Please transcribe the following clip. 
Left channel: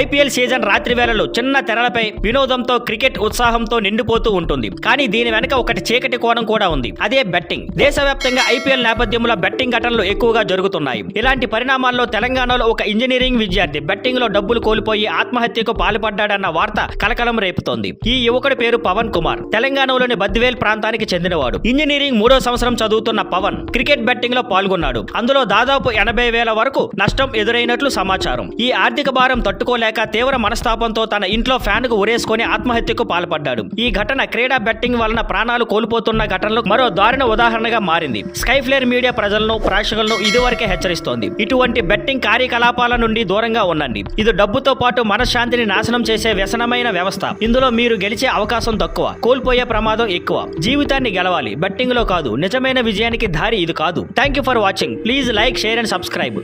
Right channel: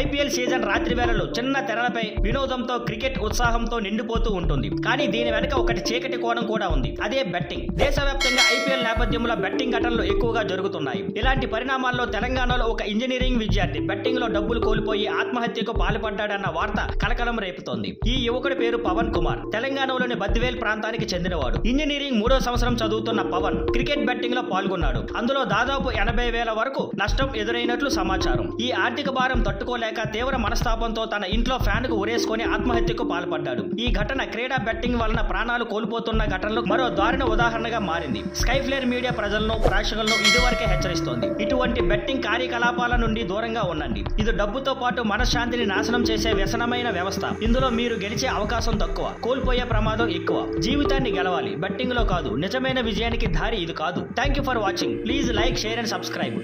IPL season రాత్రి వేళలో చిన్న తెరలపై వినోదంతో క్రికెట్ ఉత్సాహంతో నిండిపోతూ ఉంటుంది. కానీ దీని వెనక ఒకటి చీకటి కోణం కూడా ఉంది. అదే బెట్టింగ్. దేశవ్యాప్తంగా ఐపీఎల్ నేపథ్యంలో బెట్టింగ్ ఘటనలు ఎక్కువగా జరుగుతున్నాయి. ఇలాంటి పరిణామాల్లో తెలంగాణలో ఒక ఇంజనీరింగ్ విద్యార్థి బెట్టింగ్ లో డబ్బులు కోల్పోయి ఆత్మహత్యకు పాల్పడ్డాడన్న వార్త కలకలం రేపుతోంది. ఈ యువకుడి పేరు పవన్ కుమార్. తెలంగాణలోని బద్వేల్ ప్రాంతానికి చెందినవాడు. ఇంజనీరింగ్ 3వ సంవత్సరం చదువుతున్న పవన్ క్రికెట్ బెట్టింగ్ లో పాల్గొన్నాడు. అందులో దాదాపు 80,000 వరకు నష్టం ఎదురైనట్లు సమాచారం. ఈ ఆర్థిక భారం తట్టుకోలేక తీవ్ర మనస్తాపంతో తన ఇంట్లో ఫ్యాన్ కు ఉరేసుకొని ఆత్మహత్యకు పాల్పడ్డాడు. ఈ ఘటన క్రీడా బెట్టింగ్ వలన ప్రాణాలు కోల్పోతున్న ఘటనలు మరో దారుణ ఉదాహరణగా మారింది. స్కైఫ్లేర్ మీడియా ప్రజలను, ప్రేక్షకులను ఇదివరకే హెచ్చరిస్తోంది. ఇటువంటి బెట్టింగ్ కార్యకలాపాల నుండి దూరంగా ఉండండి. ఇది డబ్బుతో పాటు మనశ్శాంతిని నాశనం చేసే వ్యసనమైన వ్యవస్థ. ఇందులో మీరు గెలిచే అవకాశం తక్కువ, కోల్పోయే ప్రమాదం ఎక్కువ. జీవితాన్ని గెలవాలి, బెట్టింగ్ లో కాదు. నిజమైన విజయానికి దారి ఇది కాదు. Thank you for watching. Please like, share and subscribe.